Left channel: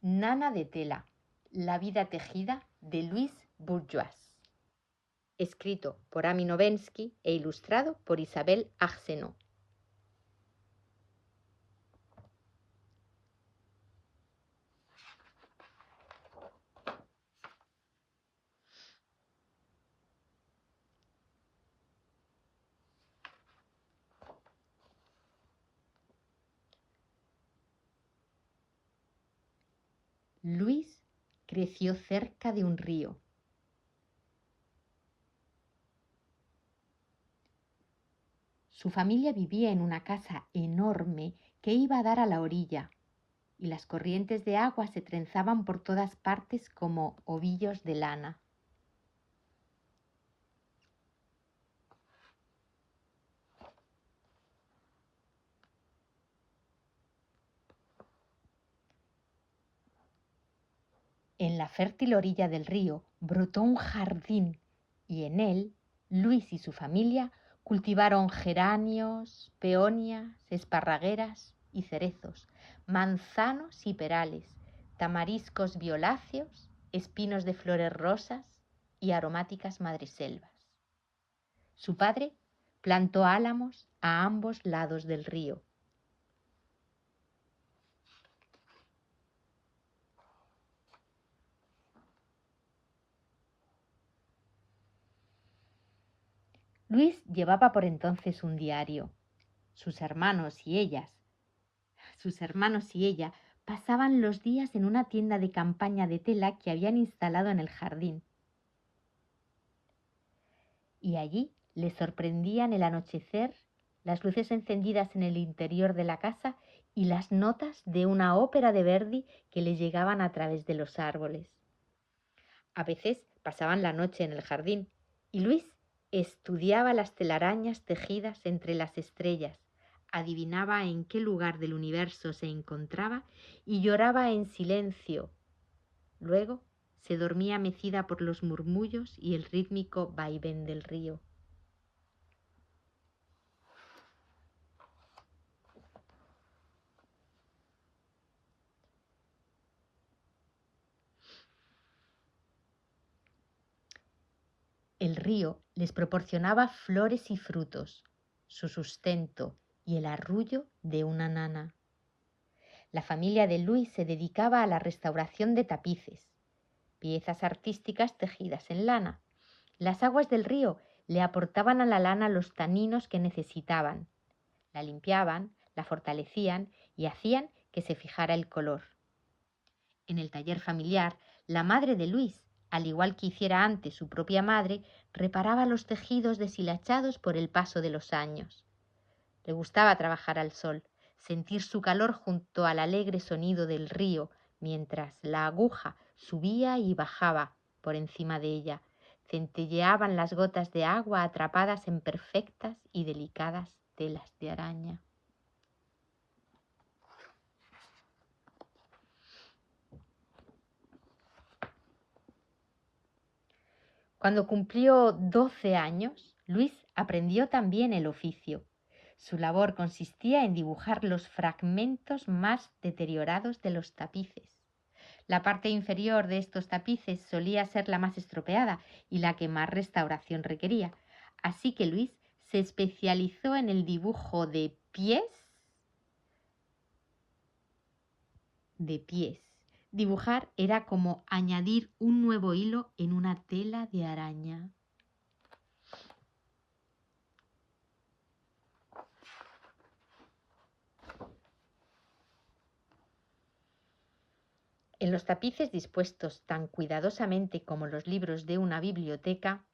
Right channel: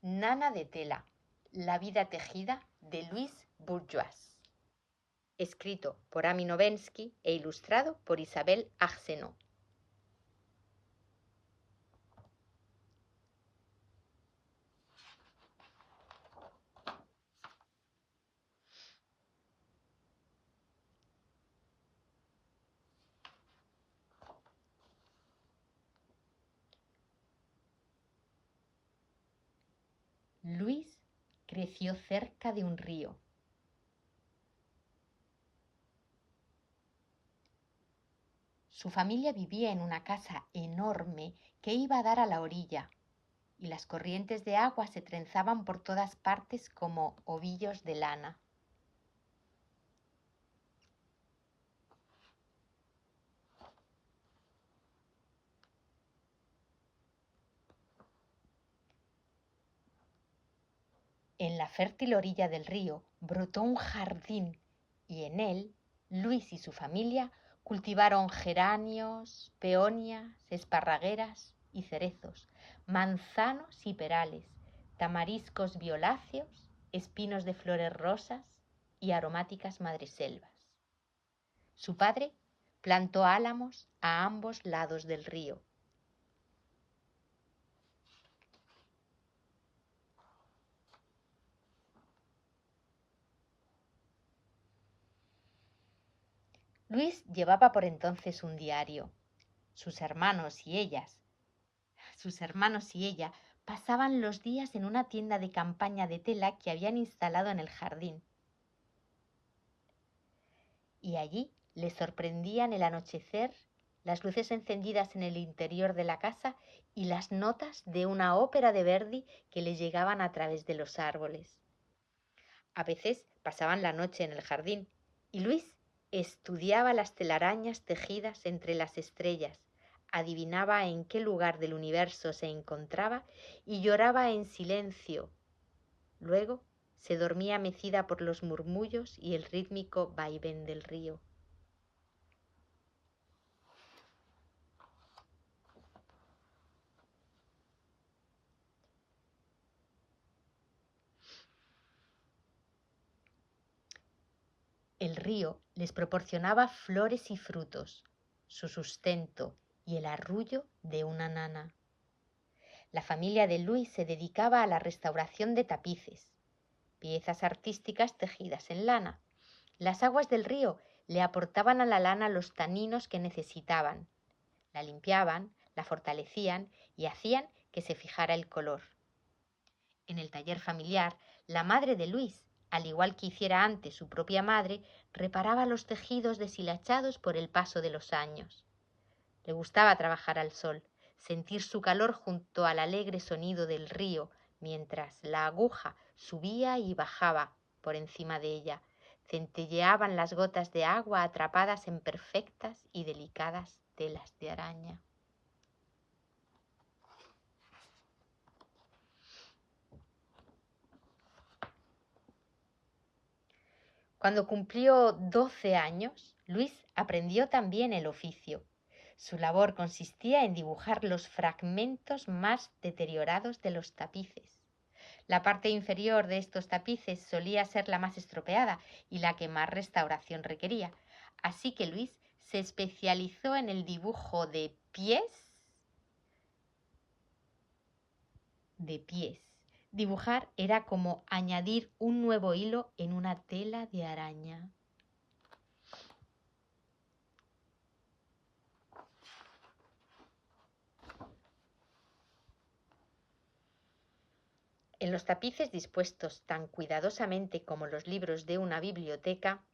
Nana de tela, la vida tejida de Louise Bourgeois. Escrito por Ami Novensky e ilustrado por Isabelle Arsenault. Louise creció cerca de un río. Su familia vivía en una casa enorme que iba a dar a la orilla, y las corrientes de agua se trenzaban por todas partes como ovillos de lana. En la fértil orilla del río brotó un jardín y en él Luis y su familia cultivaron geranios, peonias, esparragueras y cerezos, manzanos y perales, tamariscos violáceos, espinos de flores rosas y aromáticas madreselvas. Su padre plantó álamos a ambos lados del río. Luis llevaba por entonces un diario. Sus hermanos y ella pasaban los días en una tienda de campaña de tela que habían instalado en el jardín. Y allí les sorprendían el anochecer, las luces encendidas en el interior de la casa y las notas de una ópera de Verdi que les llegaban a través de los árboles. A veces pasaban la noche en el jardín y Luis estudiaba las telarañas tejidas entre las estrellas, adivinaba en qué lugar del universo se encontraba y lloraba en silencio. Luego se dormía mecida por los murmullos y el rítmico vaivén del río. El río les proporcionaba flores y frutos, su sustento y el arrullo de una nana. La familia de Luis se dedicaba a la restauración de tapices, piezas artísticas tejidas en lana. Las aguas del río le aportaban a la lana los taninos que necesitaban. La limpiaban, la fortalecían y hacían que se fijara el color. En el taller familiar, la madre de Luis, al igual que hiciera antes su propia madre, reparaba los tejidos deshilachados por el paso de los años. Le gustaba trabajar al sol, sentir su calor junto al alegre sonido del río, mientras la aguja subía y bajaba por encima de ella. Centelleaban las gotas de agua atrapadas en perfectas y delicadas telas de araña. Cuando cumplió 12 años, Luis aprendió también el oficio. Su labor consistía en dibujar los fragmentos más deteriorados de los tapices. La parte inferior de estos tapices solía ser la más estropeada y la que más restauración requería. Así que Luis se especializó en el dibujo de pies. Dibujar era como añadir un nuevo hilo en una tela de araña. En los tapices dispuestos tan cuidadosamente como los libros de una biblioteca,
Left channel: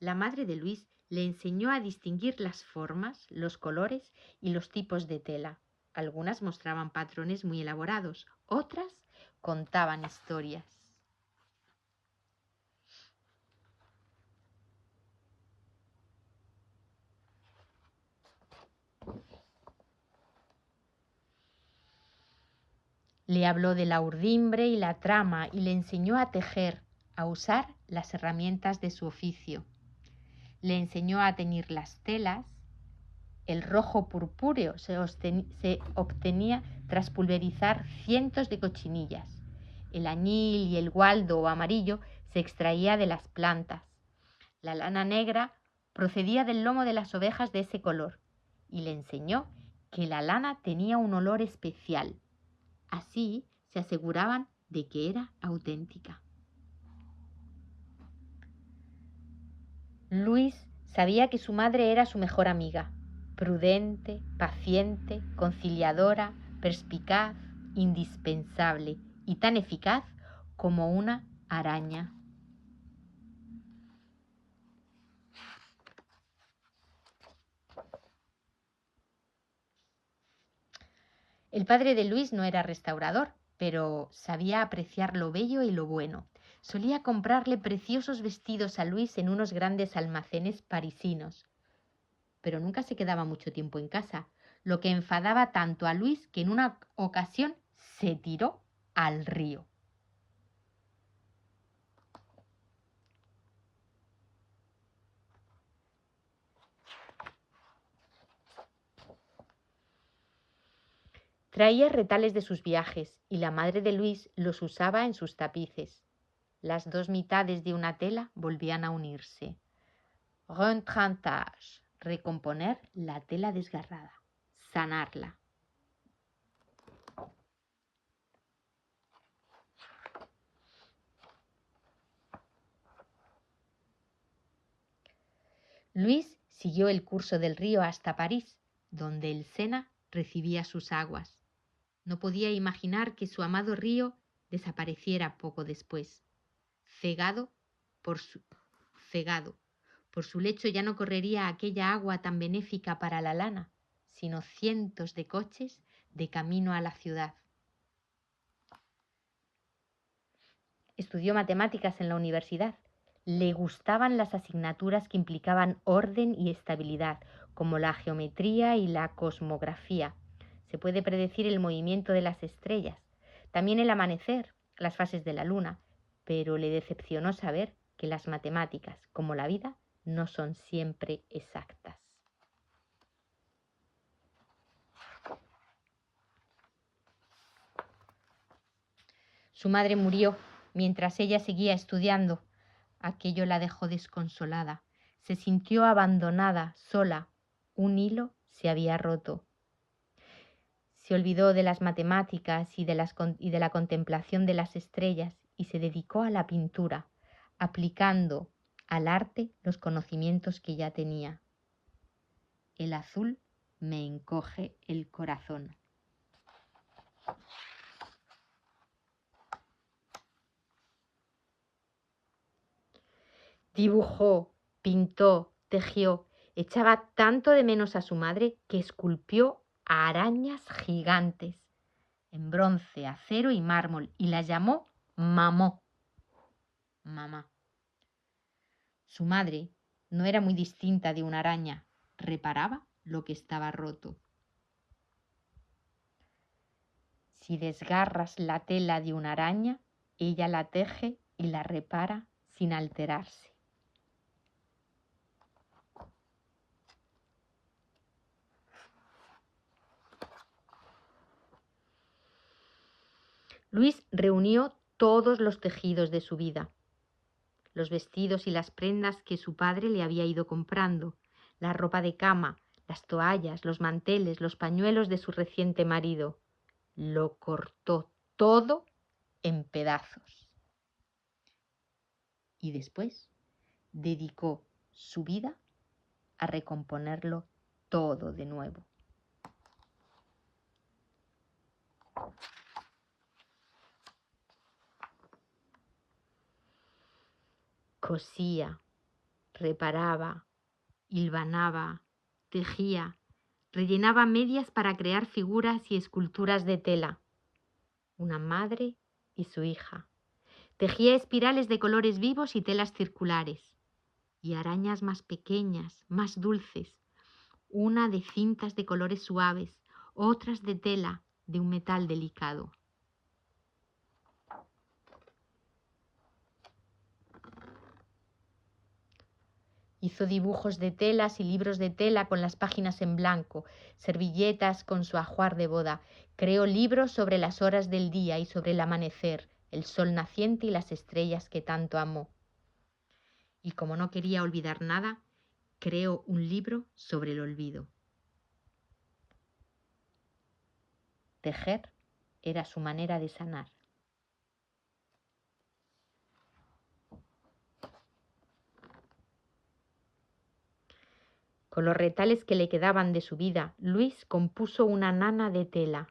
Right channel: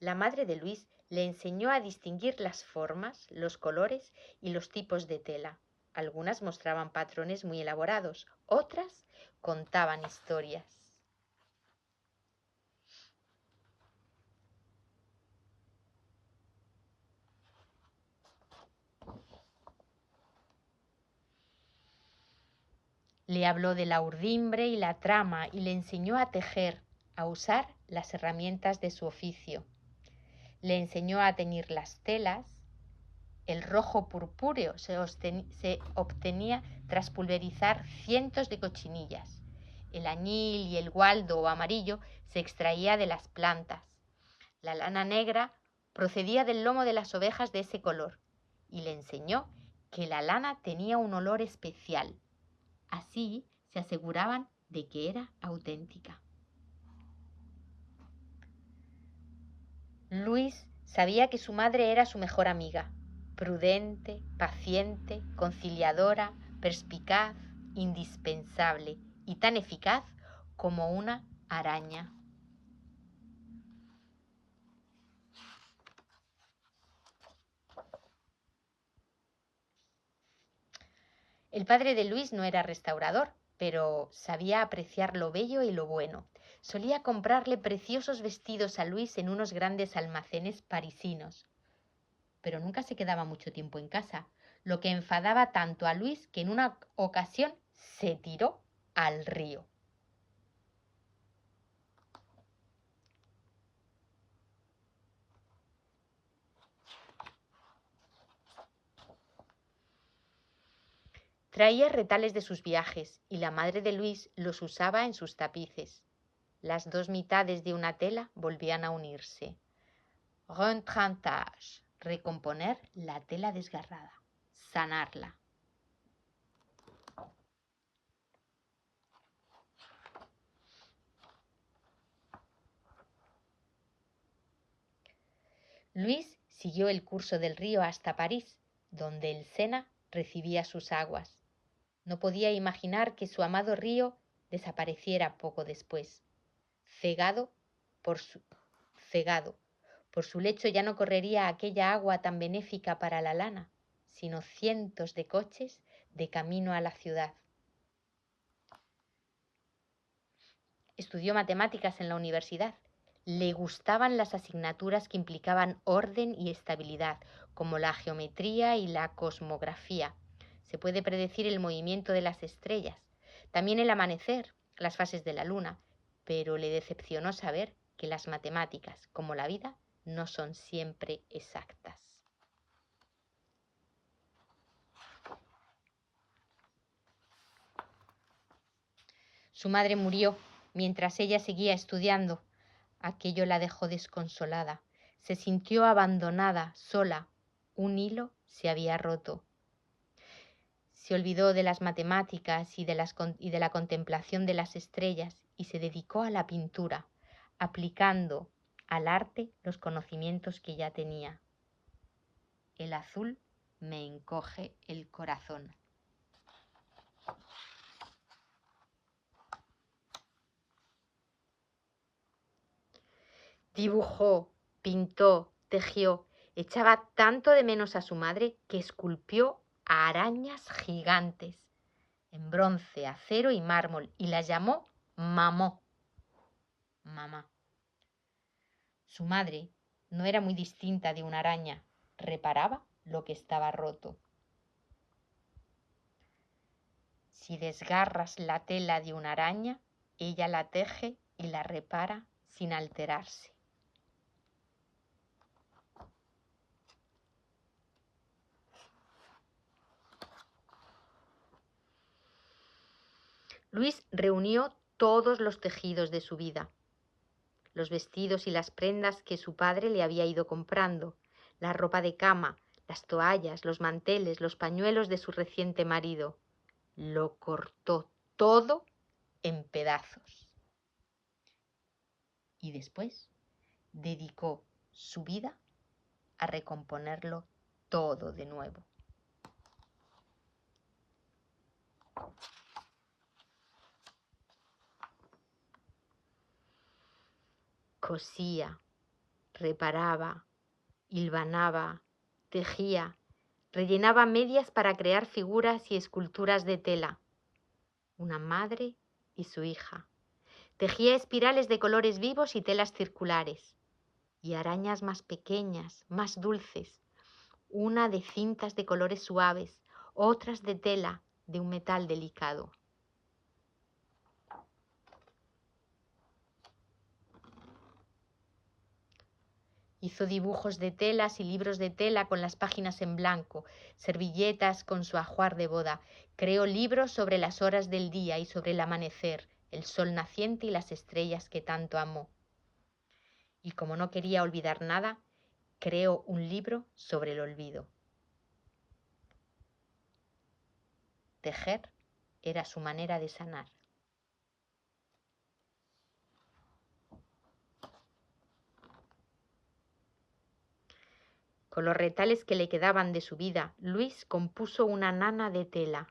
la madre de Luis le enseñó a distinguir las formas, los colores y los tipos de tela. Algunas mostraban patrones muy elaborados, otras contaban historias. Le habló de la urdimbre y la trama y le enseñó a tejer, a usar las herramientas de su oficio. Le enseñó a teñir las telas. El rojo purpúreo se obtenía tras pulverizar cientos de cochinillas El añil y el gualdo o amarillo se extraía de las plantas. La lana negra procedía del lomo de las ovejas de ese color y le enseñó que la lana tenía un olor especial. Así se aseguraban de que era auténtica. Luis sabía que su madre era su mejor amiga, prudente, paciente, conciliadora, perspicaz, indispensable y tan eficaz como una araña. El padre de Luis no era restaurador, pero sabía apreciar lo bello y lo bueno. Solía comprarle preciosos vestidos a Luis en unos grandes almacenes parisinos, pero nunca se quedaba mucho tiempo en casa, lo que enfadaba tanto a Luis que en una ocasión se tiró al río. Traía retales de sus viajes y la madre de Luis los usaba en sus tapices. Las dos mitades de una tela volvían a unirse. Retrantage, recomponer la tela desgarrada, sanarla. Luis siguió el curso del río hasta París, donde el Sena recibía sus aguas. No podía imaginar que su amado río desapareciera poco después. Cegado por su lecho ya no correría aquella agua tan benéfica para la lana, sino cientos de coches de camino a la ciudad. Estudió matemáticas en la universidad. Le gustaban las asignaturas que implicaban orden y estabilidad, como la geometría y la cosmografía. Se puede predecir el movimiento de las estrellas, también el amanecer, las fases de la luna, pero le decepcionó saber que las matemáticas, como la vida, no son siempre exactas. Su madre murió mientras ella seguía estudiando. Aquello la dejó desconsolada. Se sintió abandonada, sola. Un hilo se había roto. Se olvidó de las matemáticas y de la contemplación de las estrellas y se dedicó a la pintura, aplicando al arte los conocimientos que ya tenía. El azul me encoge el corazón. Dibujó, pintó, tejió. Echaba tanto de menos a su madre que esculpió a arañas gigantes en bronce, acero y mármol y las llamó Mamó. Mamá. Su madre no era muy distinta de una araña. Reparaba lo que estaba roto. Si desgarras la tela de una araña, ella la teje y la repara sin alterarse. Luis reunió todos los tejidos de su vida, los vestidos y las prendas que su padre le había ido comprando, la ropa de cama, las toallas, los manteles, los pañuelos de su reciente marido. Lo cortó todo en pedazos. Y después dedicó su vida a recomponerlo todo de nuevo. Cosía, reparaba, hilvanaba, tejía, rellenaba medias para crear figuras y esculturas de tela. Una madre y su hija. Tejía espirales de colores vivos y telas circulares. Y arañas más pequeñas, más dulces. Una de cintas de colores suaves, otras de tela de un metal delicado. Hizo dibujos de telas y libros de tela con las páginas en blanco, servilletas con su ajuar de boda. Creó libros sobre las horas del día y sobre el amanecer, el sol naciente y las estrellas que tanto amó. Y como no quería olvidar nada, creó un libro sobre el olvido. Tejer era su manera de sanar. Con los retales que le quedaban de su vida, Luis compuso una nana de tela.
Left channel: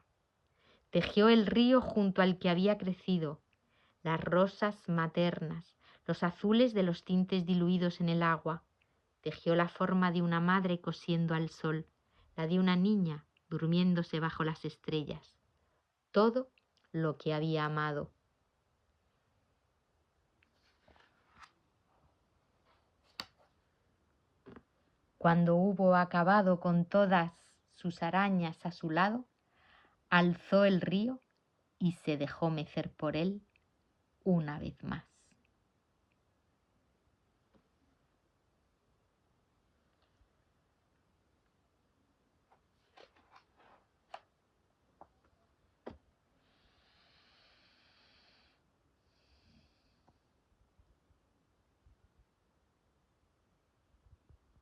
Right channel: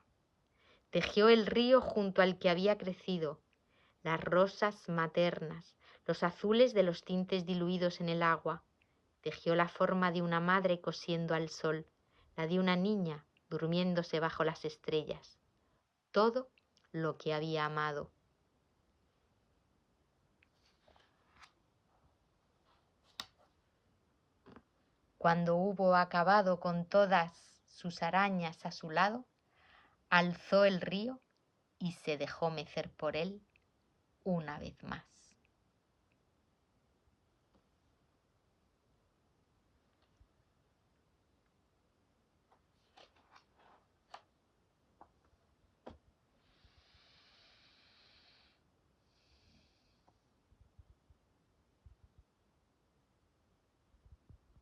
Tejió el río junto al que había crecido, las rosas maternas, los azules de los tintes diluidos en el agua. Tejió la forma de una madre cosiendo al sol, la de una niña durmiéndose bajo las estrellas. Todo lo que había amado. Cuando hubo acabado con todas sus arañas a su lado, alzó el río y se dejó mecer por él una vez más.